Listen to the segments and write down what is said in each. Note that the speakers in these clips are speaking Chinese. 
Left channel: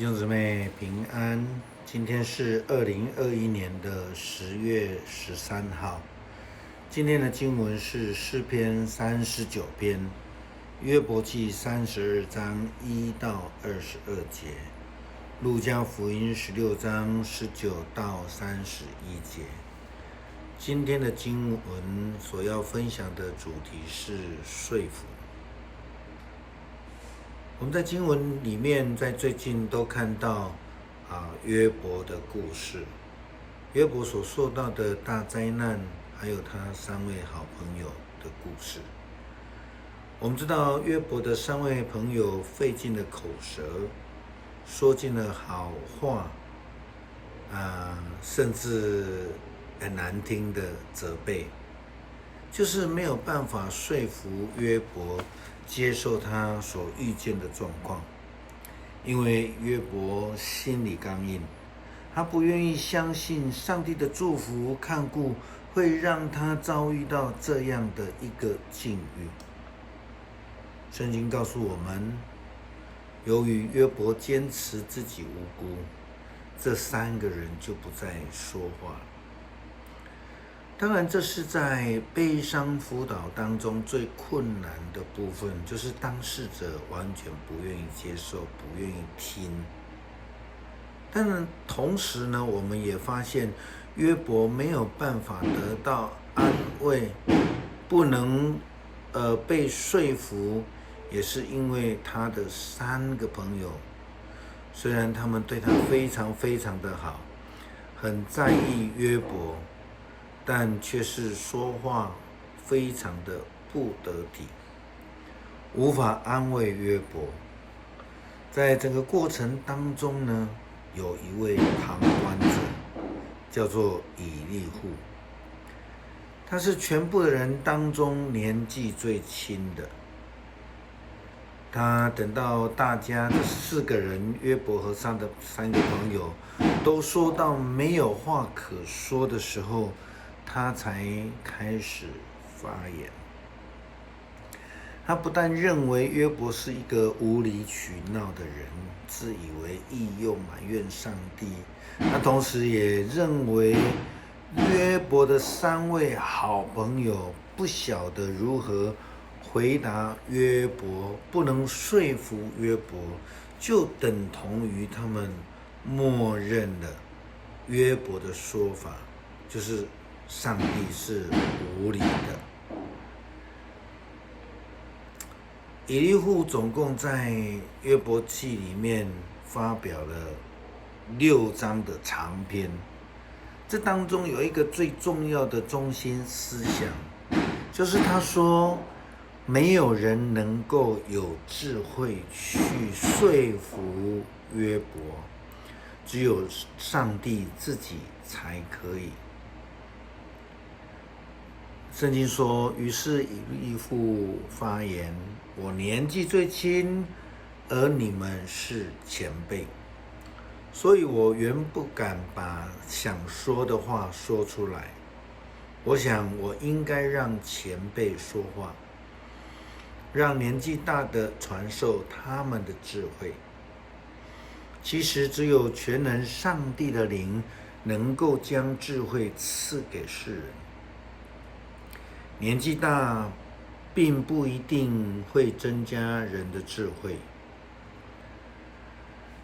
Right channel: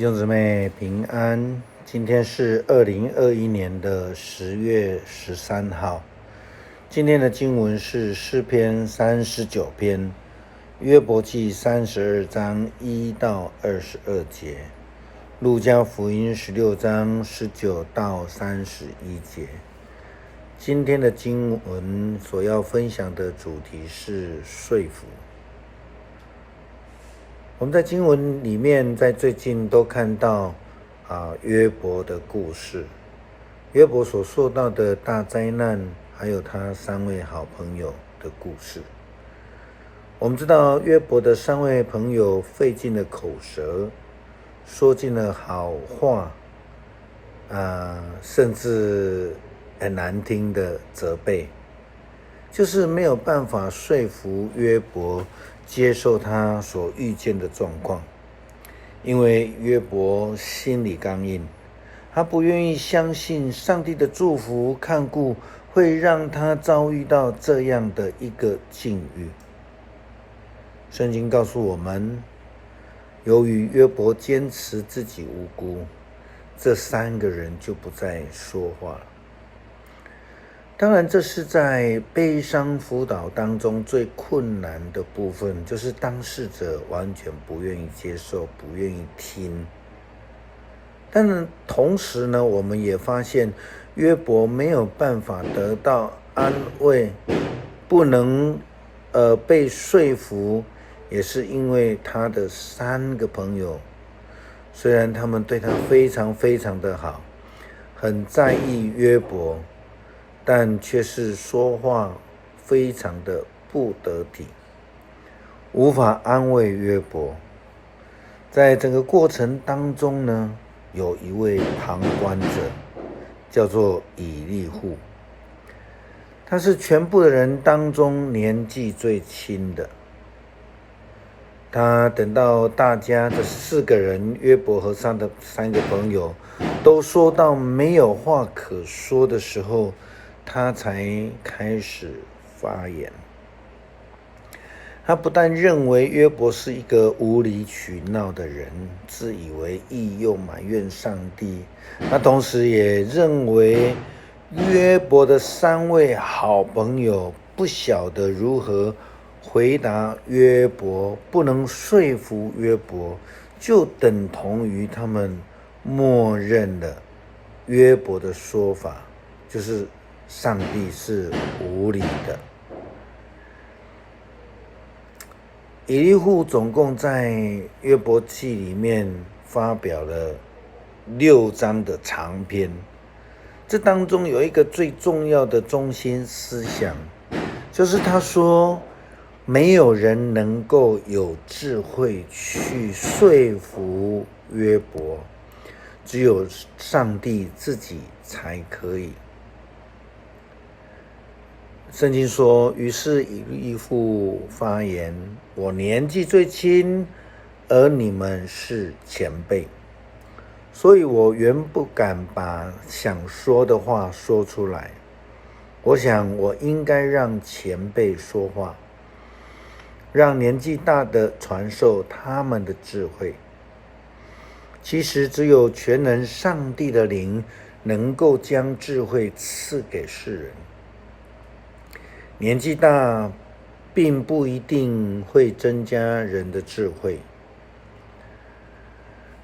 弟兄姊妹平安，今天是2021年的10月13号。今天的经文是诗篇39篇，约伯记32章1到22节，路加福音16章19到31节。今天的经文所要分享的主题是说服。我们在经文里面，在最近都看到约伯的故事，约伯所受到的大灾难，还有他3位好朋友的故事。我们知道约伯的3位朋友费尽了口舌，说尽了好话，甚至很难听的责备，就是没有办法说服约伯接受他所遇见的状况，因为约伯心里刚硬，他不愿意相信上帝的祝福看顾会让他遭遇到这样的一个境遇。圣经告诉我们，由于约伯坚持自己无辜，这3个人就不再说话了。当然，这是在悲伤辅导当中最困难的部分，就是当事者完全不愿意接受，不愿意听。但是同时呢，我们也发现约伯没有办法得到安慰，不能被说服，也是因为他的3个朋友，虽然他们对他非常非常的好，很在意约伯，但却是说话非常的不得体，无法安慰约伯。在整个过程当中呢，有一位旁观者，叫做以利户，他是全部的人当中年纪最轻的。他等到大家这4个人，约伯和3个朋友都说到没有话可说的时候，他才开始发言。他不但认为约伯是一个无理取闹的人，自以为义又埋怨上帝，他同时也认为约伯的3位好朋友不晓得如何回答约伯，不能说服约伯，就等同于他们默认了约伯的说法，就是上帝是无理的。以利户总共在约伯记里面发表了6章的长篇，这当中有一个最重要的中心思想，就是他说没有人能够有智慧去说服约伯，只有上帝自己才可以。圣经说，于是以利户发言，我年纪最轻，而你们是前辈，所以我原不敢把想说的话说出来。我想我应该让前辈说话，让年纪大的传授他们的智慧。其实只有全能上帝的灵能够将智慧赐给世人。年纪大并不一定会增加人的智慧，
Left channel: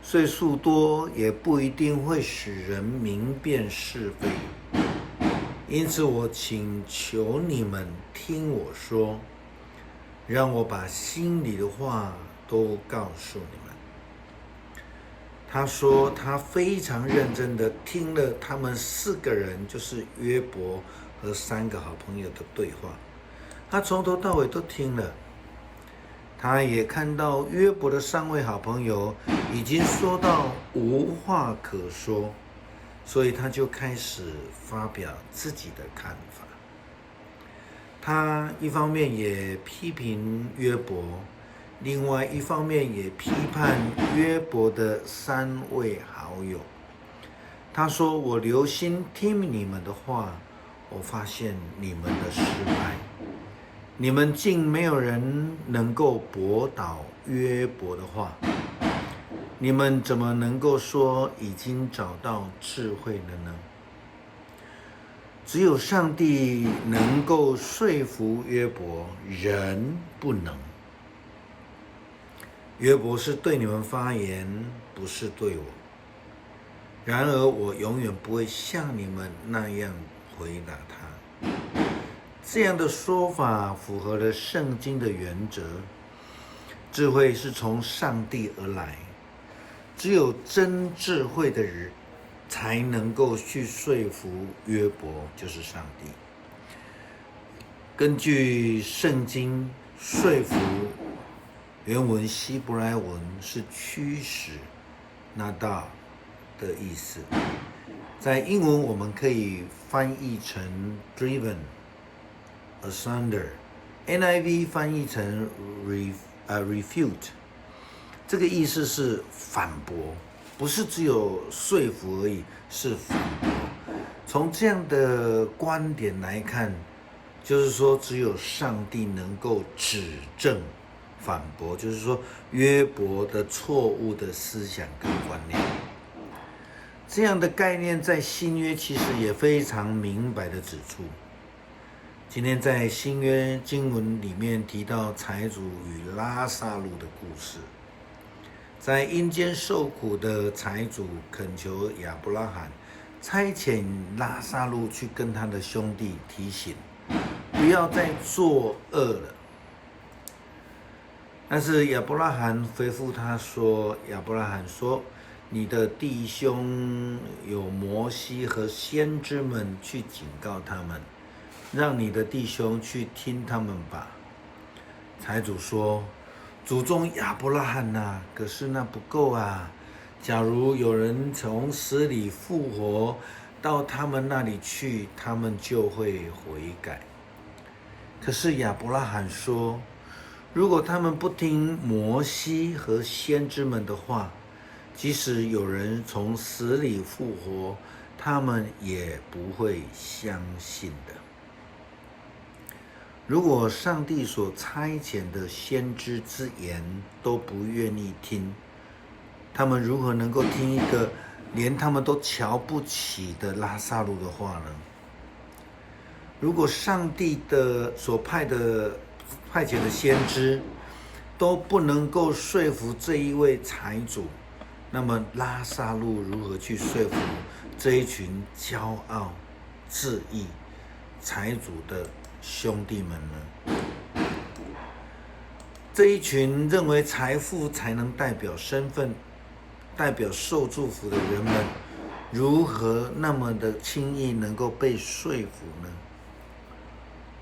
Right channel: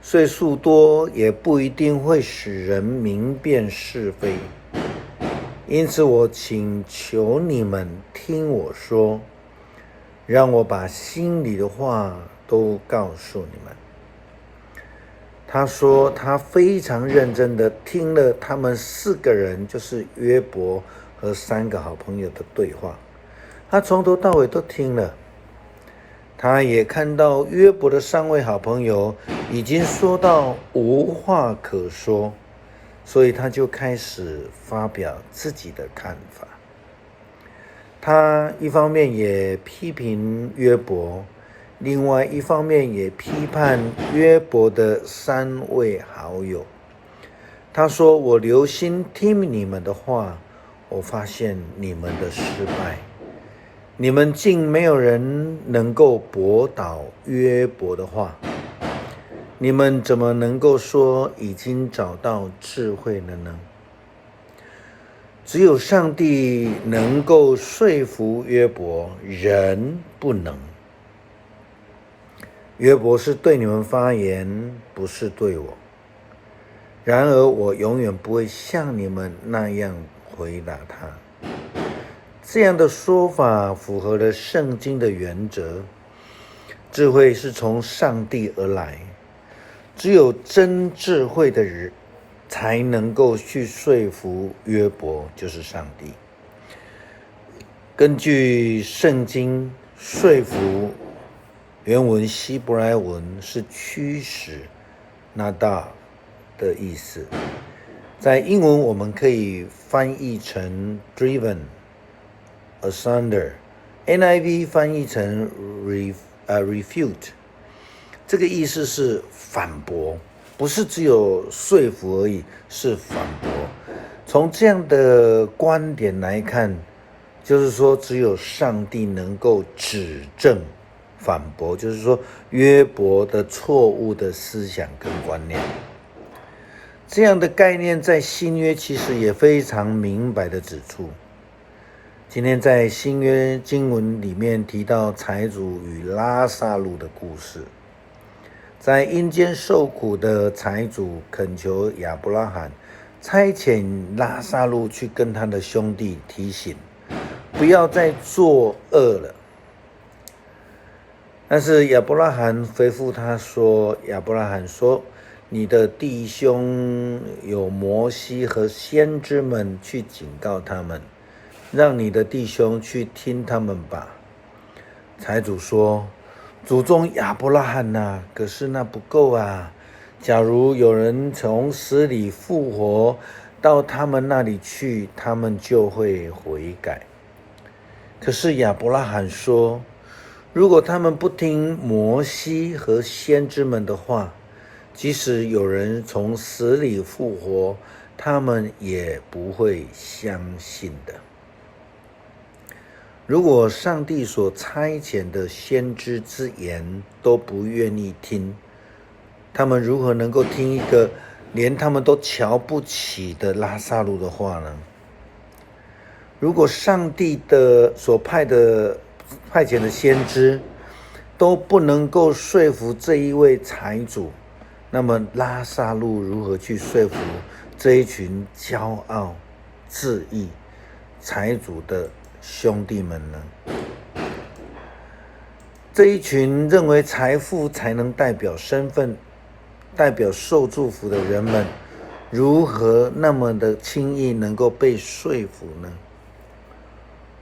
岁数多也不一定会使人明辨是非。因此我请求你们听我说，让我把心里的话都告诉你们。他说他非常认真的听了他们4个人，就是约伯和3个好朋友的对话，他从头到尾都听了。他也看到约伯的3位好朋友已经说到无话可说，所以他就开始发表自己的看法。他一方面也批评约伯，另外一方面也批判约伯的3位好友。他说，我留心听你们的话，我发现你们的失败，你们竟没有人能够驳倒约伯的话，你们怎么能够说已经找到智慧了呢？只有上帝能够说服约伯，人不能。约伯是对你们发言，不是对我。然而我永远不会像你们那样回答他。这样的说法符合了圣经的原则，智慧是从上帝而来，只有真智慧的人才能够去说服约伯，就是上帝。根据圣经，说服原文希伯来文是驱使 nada 的意思，在英文我们可以翻译成 driven、asunder， NIV 翻译成 refute。 这个意思是反驳，不是只有说服而已，是反驳。从这样的观点来看，就是说只有上帝能够指正反驳，就是说约伯的错误的思想跟观念。这样的概念在新约其实也非常明白的指出。今天在新约经文里面提到财主与拉撒路的故事，在阴间受苦的财主恳求亚伯拉罕差遣拉撒路去跟他的兄弟提醒，不要再作恶了。但是亚伯拉罕回复他说，你的弟兄有摩西和先知们去警告他们，让你的弟兄去听他们吧。财主说，祖宗亚伯拉罕啊，可是那不够啊，假如有人从死里复活到他们那里去，他们就会悔改。可是亚伯拉罕说，如果他们不听摩西和先知们的话，即使有人从死里复活，他们也不会相信的。如果上帝所差遣的先知之言都不愿意听，他们如何能够听一个连他们都瞧不起的拉撒路的话呢？如果上帝所派遣的先知都不能够说服这一位财主，那么拉撒路如何去说服这一群骄傲自义财主的兄弟们呢？这一群认为财富才能代表身份、代表受祝福的人们，如何那么的轻易能够被说服呢？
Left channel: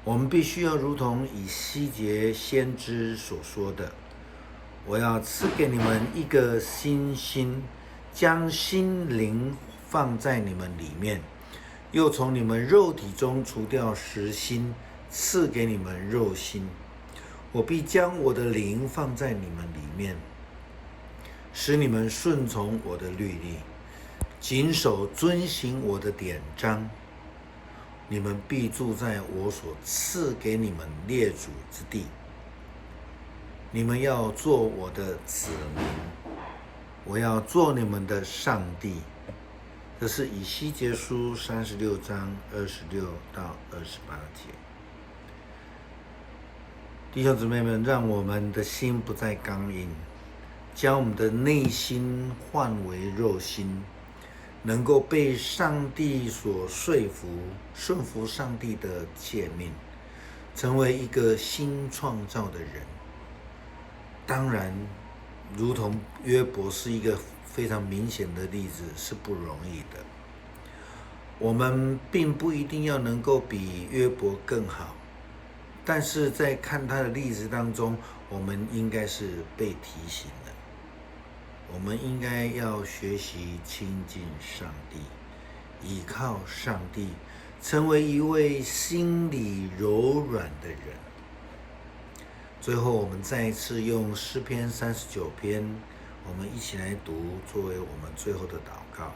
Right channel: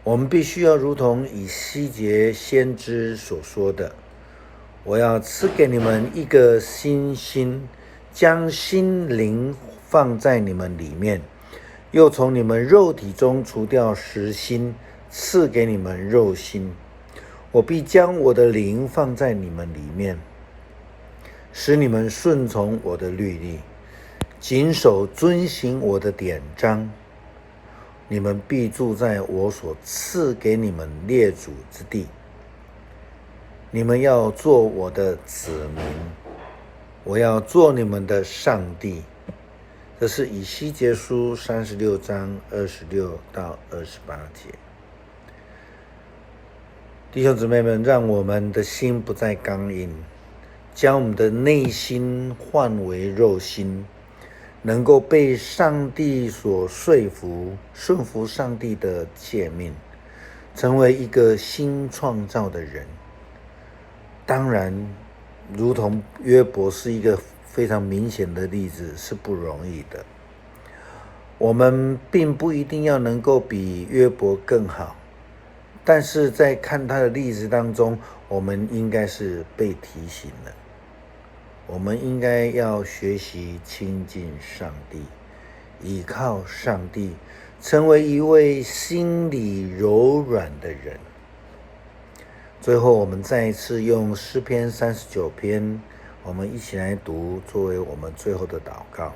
我们必须要如同以西结先知所说的，我要赐给你们一个新心，将心灵放在你们里面，又从你们肉体中除掉实心，赐给你们肉心。我必将我的灵放在你们里面，使你们顺从我的律例，谨守遵行我的典章。你们必住在我所赐给你们列祖之地。你们要做我的子民，我要做你们的上帝。这是以西结书36章26到28节。弟兄姊妹们，让我们的心不再刚硬，将我们的内心换为肉心，能够被上帝所说服，顺服上帝的诫命，成为一个新创造的人。当然，如同约伯是一个非常明显的例子，是不容易的。我们并不一定要能够比约伯更好，但是在看他的例子当中，我们应该是被提醒了。我们应该要学习亲近上帝，依靠上帝，成为一位心里柔软的人。最后，我们再一次用诗篇39篇，我们一起来读，作为我们最后的祷告。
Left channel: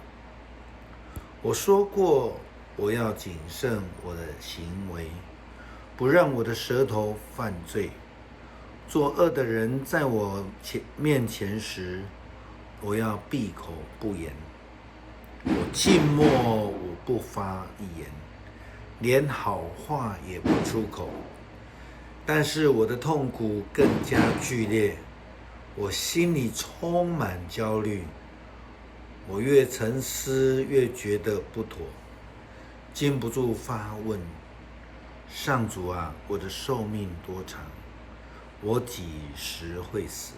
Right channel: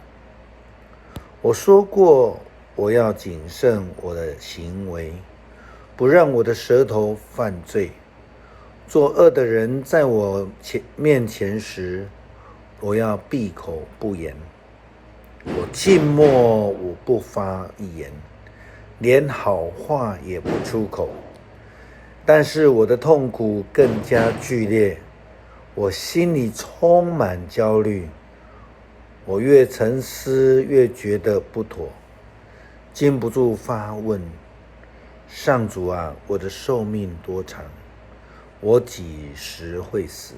我说过，我要谨慎我的行为，不让我的舌头犯罪。作恶的人在我面前时，我要闭口不言，我静默，我不发一言，连好话也不出口。但是我的痛苦更加剧烈，我心里充满焦虑，我越沉思越觉得不妥，禁不住发问：上主啊，我的寿命多长？我几时会死？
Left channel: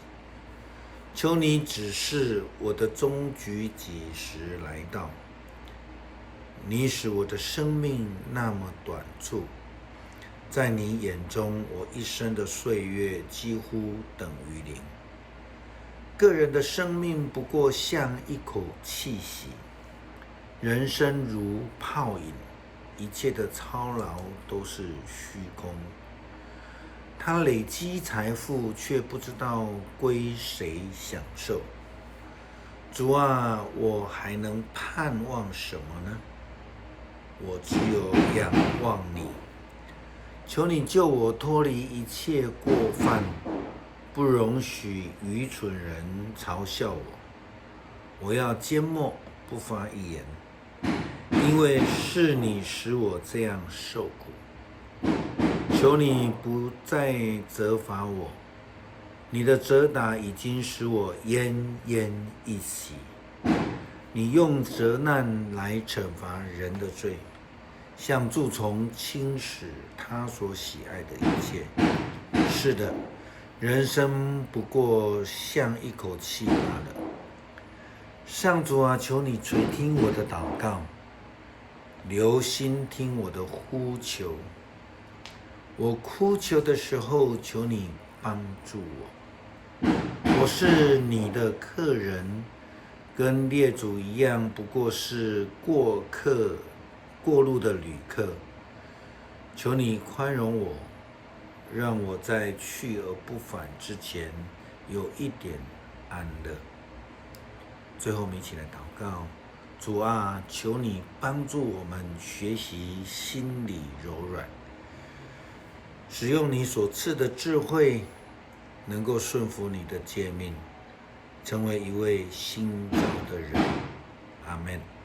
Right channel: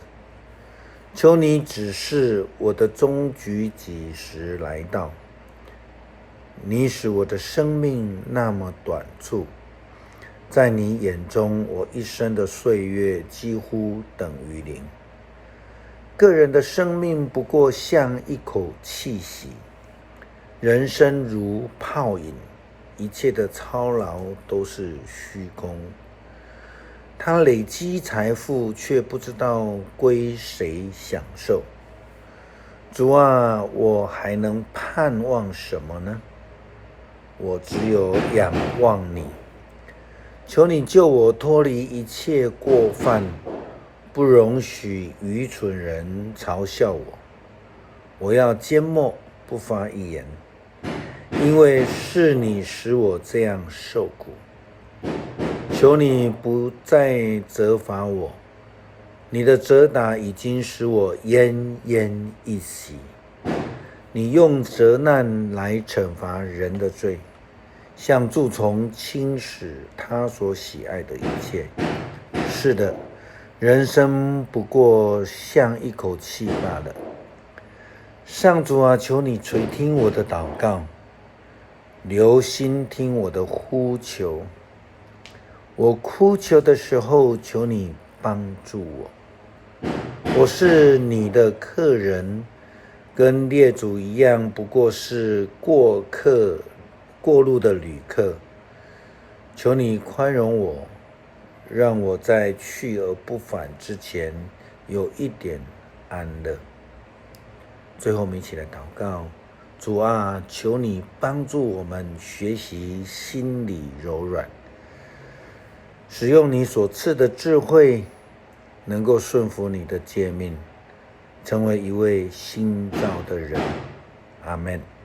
求你指示我的终局几时来到？你使我的生命那么短促，在你眼中，我一生的岁月几乎等于零。个人的生命不过像一口气息，人生如泡影，一切的操劳都是虚空。他累积财富，却不知道归谁享受。主啊，我还能盼望什么呢？我只有仰望你。求你救我脱离一切过犯，不容许愚蠢人嘲笑我。我要缄默，不发一言，因为是你使我这样受苦。求你不再责罚我，你的责打已经使我奄奄一息。你用责难来惩罚人的罪，像蛀虫侵蚀他所喜爱的一切。是的，人生不过像一口气罢了。上主啊，求你垂听我的祷告，留心听我的呼求。我哭求的时候，求你帮助我。我是你的客人，跟列祖一样，不过是过路的旅客。求你宽容我，让我在去而不返之前有一点安乐。最后我们一起来祷告：主啊，求你帮助我们学习心里柔软，使用你所赐的智慧，能够顺服你的诫命，成为一位新造的人。阿们。